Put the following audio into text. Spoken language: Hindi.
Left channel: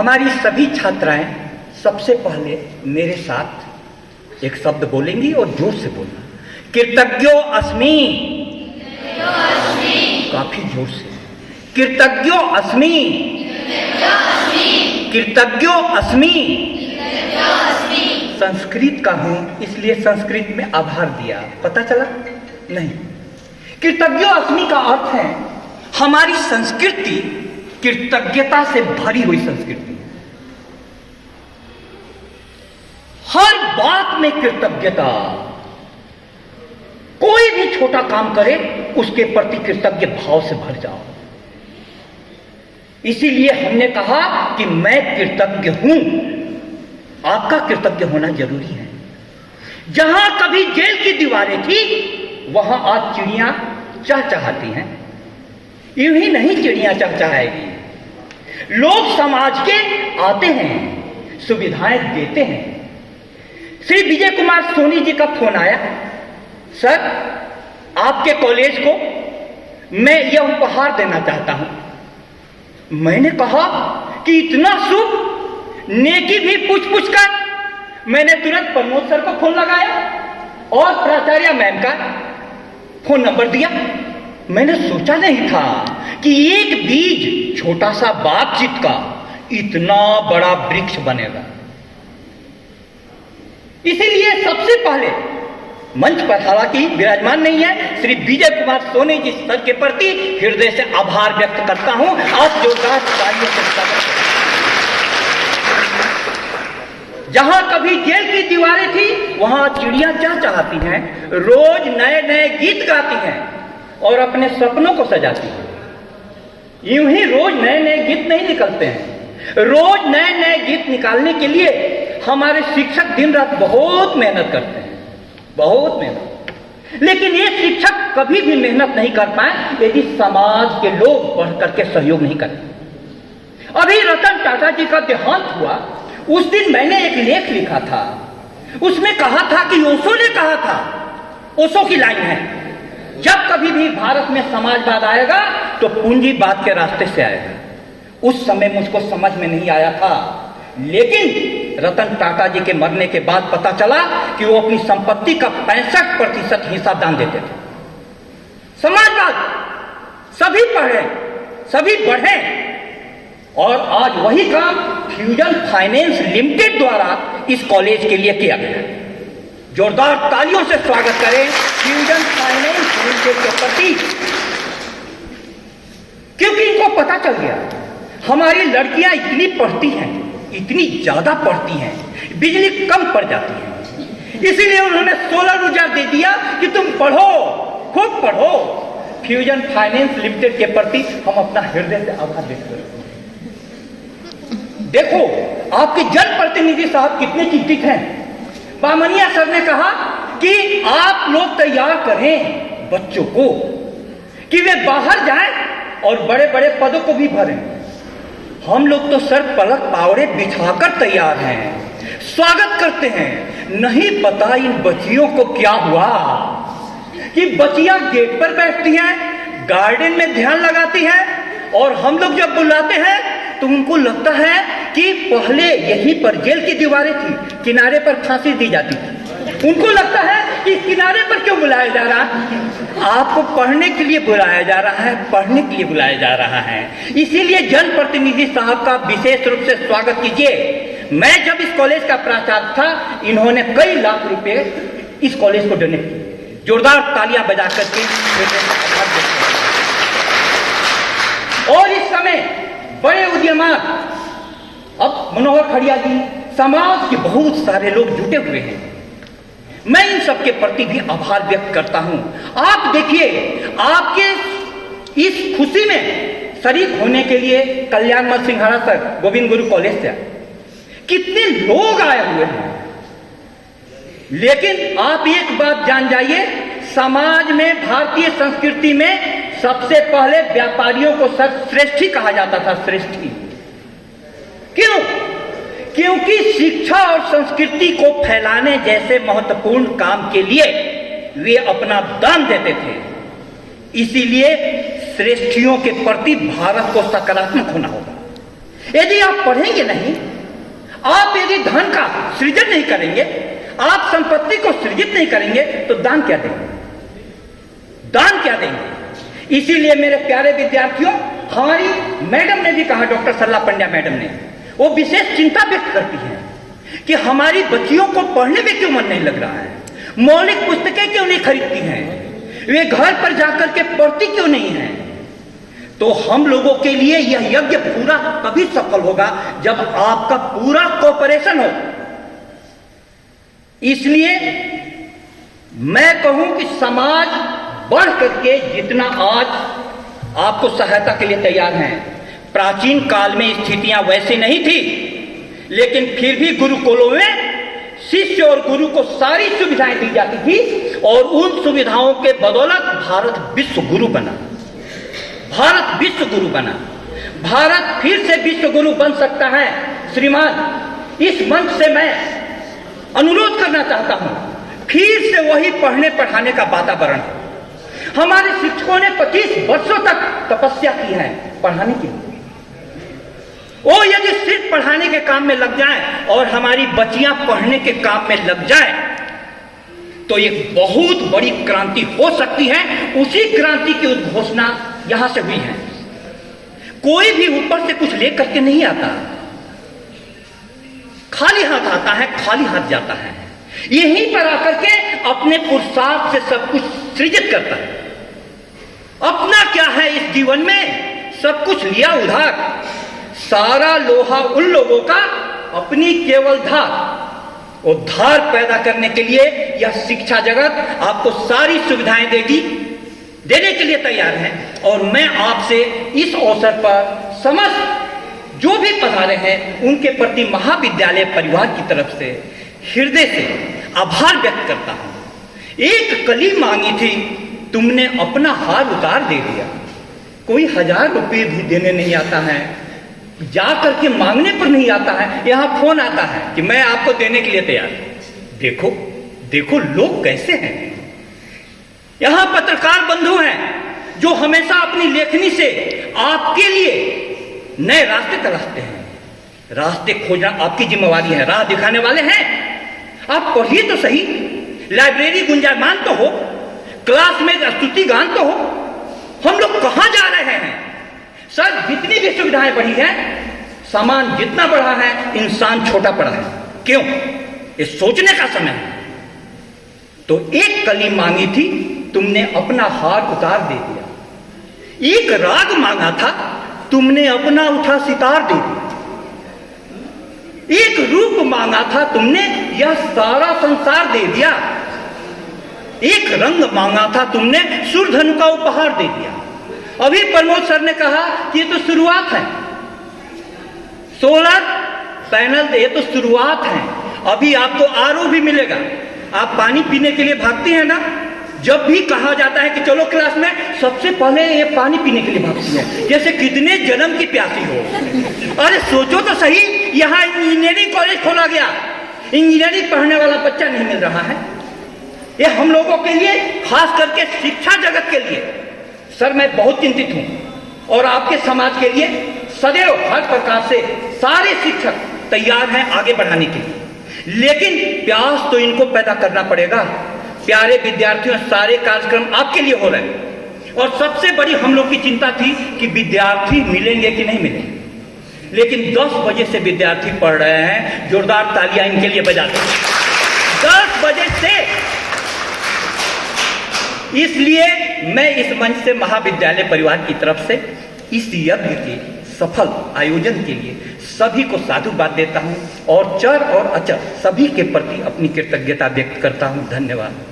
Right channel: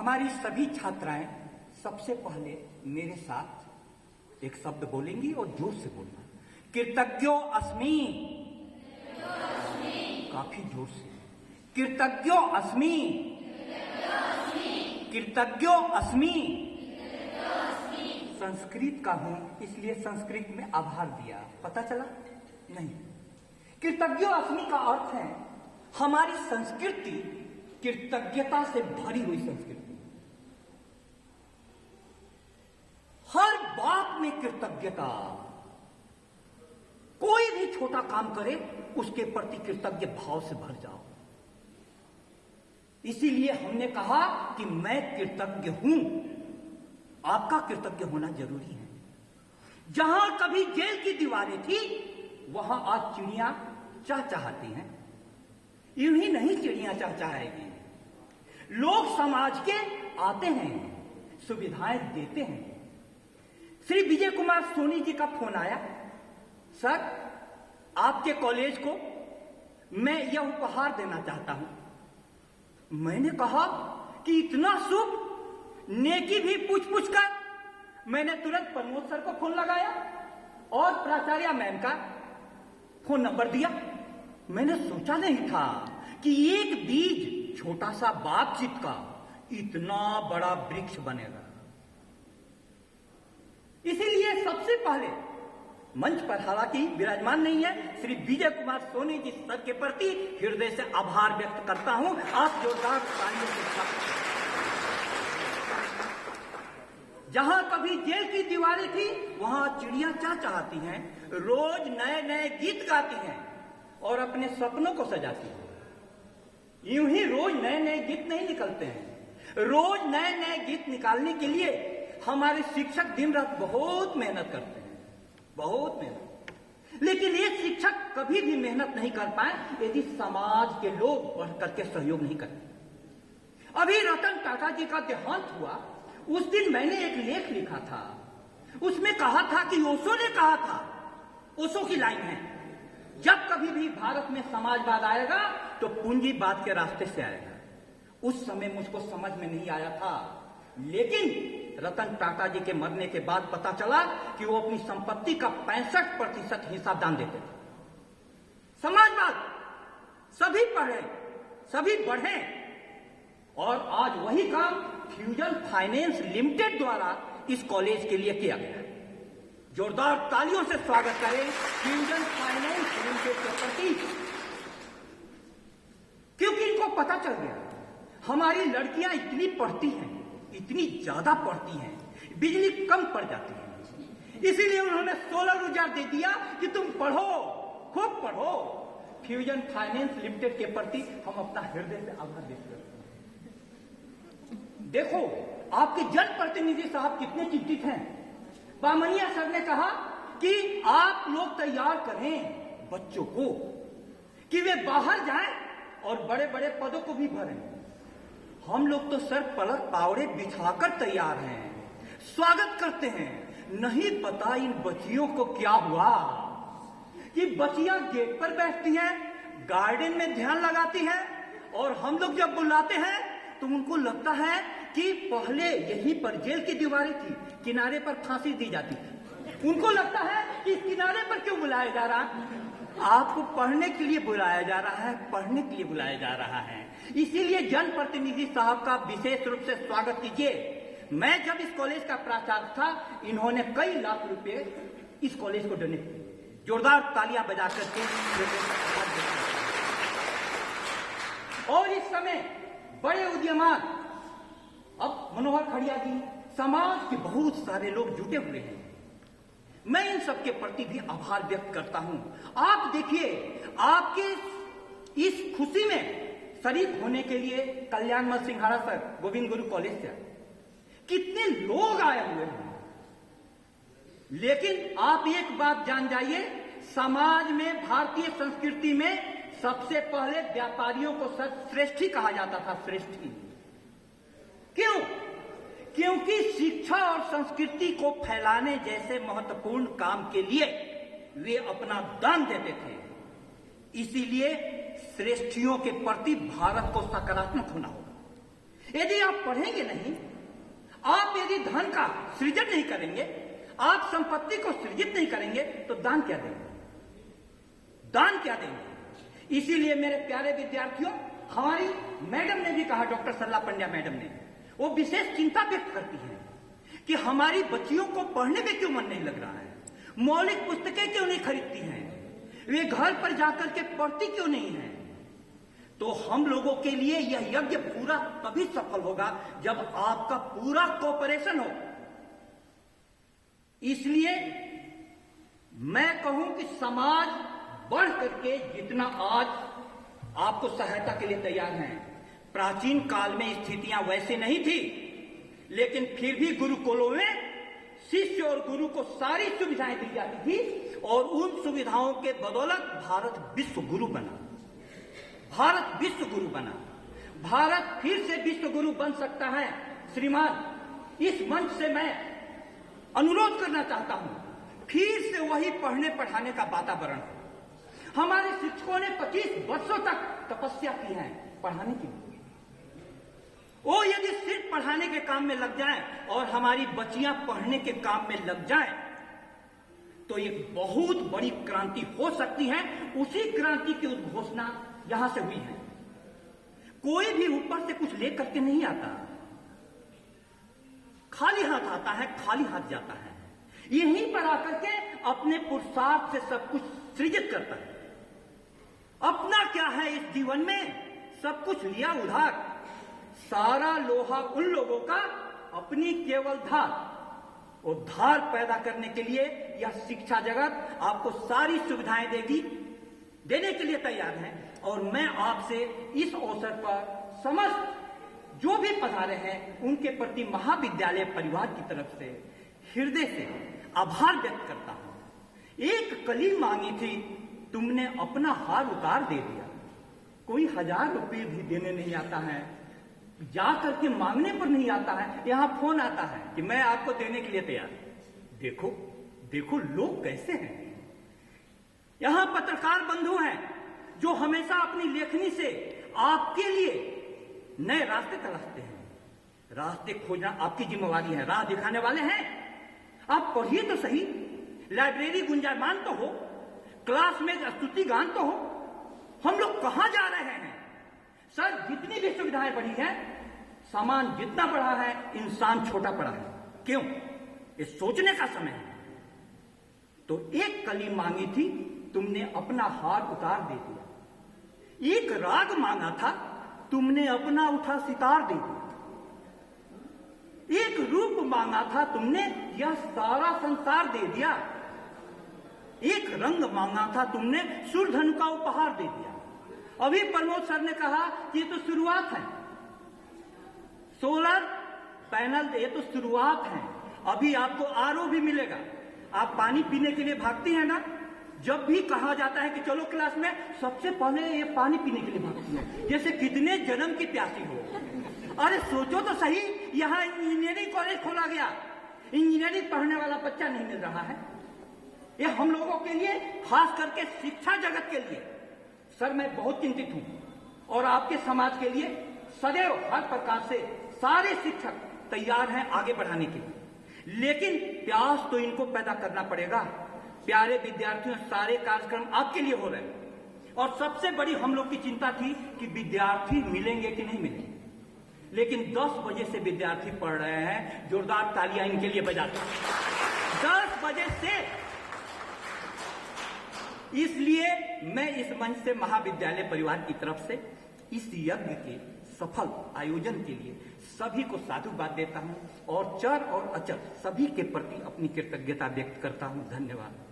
हमारी सभी छात्राएं सबसे पहले मेरे साथ एक शब्द बोलेंगी और जोर से बोलना, कृतज्ञो अस्मि। काफी जोर से, कृतज्ञो अस्मि, कृतज्ञो अस्मि। संस्कृत का हूं इसलिए संस्कृत में आभार दिया, पता चला नहीं। कृतज्ञो अस्मि का अर्थ है हमारी संस्कृति कृतज्ञता से भरी हुई संस्कृति। हर बात में कृतज्ञता, कोई भी छोटा काम करे उसके प्रति कृतज्ञ भाव से भर जाओ। इसीलिए हमने कहा कि मैं कृतज्ञ हूं, आपका कृतज्ञ होना जरूरी है। जहां कभी जेल की दीवारें थी वहां आज चिड़ियां चहचहाती हैं। यूं ही नहीं चिड़ियां चहचहाएगी, लोग समाज के आते हैं, सुविधाएं देते हैं। श्री विजय कुमार सोनी जी का फोन आया, सर आपके कॉलेज को मैं यह उपहार देना चाहता हूं। मैंने कहा कि इतना शुभ, नेकी भी पूछ कर मैंने तुरंत प्रमोद सर को फोन लगाया और प्राचार्य मैम का फोन नंबर दिया। मैंने सोचा नहीं था कि एक बीज, छोटा सा बातचीत का इतना बड़ा वृक्ष बनेगा। इसीलिए सबसे पहले मंच पर हालांकि विराजमान नहीं है श्री विजय कुमार सोनी जी सर के प्रति हृदय से आभार व्यक्त करता हूं। आप जोरदार तालियों से स्वागत करें। जहां कभी जेल की दीवारें थी वहां चिड़ियां चहचहाती हैं, रोज नए नए गीत गाती हैं और अपने सपनों को सजाती हैं। यूं ही रोज नए नए गीत नहीं निकलते हैं, रोज नए नए गीत निकालने के लिए हमारे शिक्षक दिन रात बहुत मेहनत करते हैं, बहुत मेहनत। लेकिन ये शिक्षक कभी भी मेहनत नहीं कर पाए यदि समाज के लोग बढ़ करके सहयोग नहीं करते। अभी रतन टाटा जी का देहांत हुआ, उस दिन मैंने एक लेख लिखा था, उसमें कहा था कि ओशो ने कहा था, ओशो की लाइन है, जब कभी भी भारत में समाजवाद आएगा तो पूंजीवाद के रास्ते से आएगा। उस समय मुझको समझ में नहीं आया था, लेकिन रतन टाटा जी के मरने के बाद पता चला कि वो अपनी संपत्ति का 65% हिस्सा दान देते थे। समाजवाद, सभी पढ़े, सभी बढ़े, और आज वही काम फ्यूजन फाइनेंस लिमिटेड द्वारा इस कॉलेज के लिए किया गया। जोरदार तालियों से स्वागत करें फ्यूजन फाइनेंस लिमिटेड के प्रति, क्योंकि इनको पता चल गया हमारी लड़कियां इतनी पढ़ती हैं, इतनी ज्यादा पढ़ती हैं, बिजली कम पड़ जाती है, इसीलिए उन्होंने सोलर ऊर्जा दे दिया कि तुम पढ़ो, खुद पढ़ो। फ्यूजन फाइनेंस लिमिटेड के प्रति हम अपना हृदय से आभार व्यक्त करते हैं। देखो आपके जनप्रतिनिधि साहब कितने चिंतित हैं। बामनिया सर ने कहा कि आप लोग तैयार करें बच्चों को कि वे बाहर जाएं और बड़े बड़े पदों को भी भरें। हम लोग तो सर पलक पावड़े बिछाकर तैयार हैं, स्वागत करते हैं। नहीं पता इन बच्चियों को क्या हुआ कि बच्चियां गेट पर बैठती हैं, गार्डन में ध्यान लगाती हैं, और हम लोग जब बुलाते हैं तो उनको लगता है कि पहले यहीं पर जेल की दीवारें थी, किनारे पर फांसी दी जाती थी। उनको लगता है कि किनारे पर क्यों बुलाया जा रहा है। आपको पढ़ने के लिए बुलाया जा रहा है, पढ़ने के लिए बुलाया जा रहा है। इसीलिए जनप्रतिनिधि साहब का विशेष रूप से स्वागत कीजिए। मैं जब इस कॉलेज का प्राचार्य था, इन्होंने कई लाख रुपए इस कॉलेज को डोनेट किए। जोरदार तालियां बजा करके। और इस समय बड़े उद्यमान, अब मनोहर खड़िया जी, समाज के बहुत सारे लोग जुटे हुए हैं। मैं इन सबके प्रति भी आभार व्यक्त करता हूं। आप देखिए, आपके इस खुशी में शरीक होने के लिए कल्याणमल सिंघाड़ा सर गोविंद गुरु कॉलेज से कितने लोग आए हुए हैं। लेकिन आप एक बात जान जाइए, समाज में, भारतीय संस्कृति में सबसे पहले व्यापारियों को श्रेष्ठी कहा जाता था, श्रेष्ठी। क्यों? क्योंकि शिक्षा और संस्कृति को फैलाने जैसे महत्वपूर्ण काम के लिए वे अपना दान देते थे। इसीलिए श्रेष्ठियों के प्रति भारत को सकारात्मक होना होगा। यदि आप पढ़ेंगे नहीं, आप यदि धन का सृजन नहीं करेंगे, आप संपत्ति को सृजित नहीं करेंगे, तो दान क्या देंगे? दान क्या देंगे? इसीलिए मेरे प्यारे विद्यार्थियों, हमारी मैडम ने भी कहा, डॉक्टर सरला पंड्या मैडम ने, वो विशेष चिंता व्यक्त करती है कि हमारी बच्चियों को पढ़ने में क्यों मन नहीं लग रहा है, मौलिक पुस्तकें क्यों नहीं खरीदती हैं, वे घर पर जाकर के पढ़ती क्यों नहीं है। तो हम लोगों के लिए यह यज्ञ पूरा तभी सफल होगा जब आपका पूरा कोऑपरेशन हो। इसलिए मैं कहूं कि समाज बढ़ करके जितना आज आपको सहायता के लिए तैयार हैं, प्राचीन काल में स्थितियां वैसी नहीं थी, लेकिन फिर भी गुरुकुलों में शिष्य और गुरु को सारी सुविधाएं दी जाती थी और उन सुविधाओं के बदौलत भारत विश्व गुरु बना। भारत विश्व गुरु बना। भारत फिर से विश्व गुरु बन सकता है। श्रीमान, इस मंच से मैं अनुरोध करना चाहता हूं, फिर से वही पढ़ने पढ़ाने का वातावरण। हमारे शिक्षकों ने 25 वर्षों तक तपस्या की है पढ़ाने की। वो यदि सिर्फ पढ़ाने के काम में लग जाएं और हमारी बच्चियां पढ़ने के काम में लग जाएं, तो एक बहुत बड़ी क्रांति हो सकती है। उसी क्रांति की उद्घोषणा यहां से हुई है। कोई भी ऊपर से कुछ लेकर के नहीं आता, खाली हाथ आता है, खाली हाथ जाता है। यहीं पर आकर के अपने पुरुषार्थ से सब कुछ सृजित करता है। अपना क्या है इस जीवन में, सब कुछ लिया उधार। सारा लोहा उन लोगों का, अपनी केवल धार। वो धार पैदा करने के लिए यह शिक्षा जगत आपको सारी सुविधाएं देगी, देने के लिए तैयार है। और मैं आपसे इस अवसर पर समस्त जो भी पधारे हैं उनके प्रति महाविद्यालय परिवार की तरफ से हृदय से आभार व्यक्त करता हूं। एक कली मांगी थी, तुमने अपना हार उतार दे दिया। कोई 1000 रुपये भी देने नहीं आता है, जा करके मांगने पर नहीं आता है, यहां फोन आता है कि मैं आपको देने के लिए तैयार। देखो देखो लोग कैसे हैं। यहां पत्रकार बंधु हैं जो हमेशा अपनी लेखनी से आपके लिए नए रास्ते तलाशते हैं। रास्ते खोजना आपकी जिम्मेवारी है। राह दिखाने वाले हैं, आप पढ़िए तो सही। लाइब्रेरी गुंजायमान तो हो, क्लास में स्तुति गान तो हो। हम लोग कहां जा रहे हैं? सर, जितनी भी सुविधाएं बढ़ी हैं, सामान जितना बढ़ा है, इंसान छोटा पड़ा है। क्यों? ये सोचने का समय है। तो एक कली मांगी थी, तुमने अपना हार उतार दे दिया। एक राग मांगा था, तुमने अपना उठा सितार दे दिया। एक रूप मांगा था, तुमने यह सारा संसार दे दिया। एक रंग मांगा था, तुमने सुरधनु का उपहार दे दिया। अभी प्रमोद सर ने कहा कि ये तो शुरुआत है। सोलर पैनल, ये तो शुरुआत है। अभी आपको आरओ भी मिलेगा। आप पानी पीने के लिए भागती हैं ना, जब भी कहा जाता है कि चलो क्लास में, सबसे पहले ये पानी पीने के लिए भागती है, जैसे कितने जन्म की प्यासी हो। अरे सोचो तो सही, यहाँ इंजीनियरिंग कॉलेज खोला गया, इंजीनियरिंग पढ़ने वाला बच्चा नहीं मिल रहा है। ये हम लोगों के लिए, खास करके शिक्षा जगत के लिए, सर मैं बहुत चिंतित हूं। और आपके समाज के लिए सदैव हर प्रकार से सारे शिक्षक तैयार हैं आगे बढ़ाने के लिए, लेकिन प्यास तो इनको पैदा करना पड़ेगा। प्यारे विद्यार्थियों, सारे कार्यक्रम आपके लिए हो रहे हैं और सबसे बड़ी हम लोग की चिंता थी कि विद्यार्थी मिलेंगे कि नहीं मिलेंगे, लेकिन 10 बजे से विद्यार्थी पढ़ रहे हैं। जोरदार तालियां इनके लिए बजाते हैं। 10 बजे से। इसलिए मैं इस मंच से महाविद्यालय परिवार की तरफ से इस यज्ञ के सफल आयोजन के लिए सभी को साधुवाद देता हूं और चर और अचर सभी के प्रति अपनी कृतज्ञता व्यक्त करता हूं। धन्यवाद।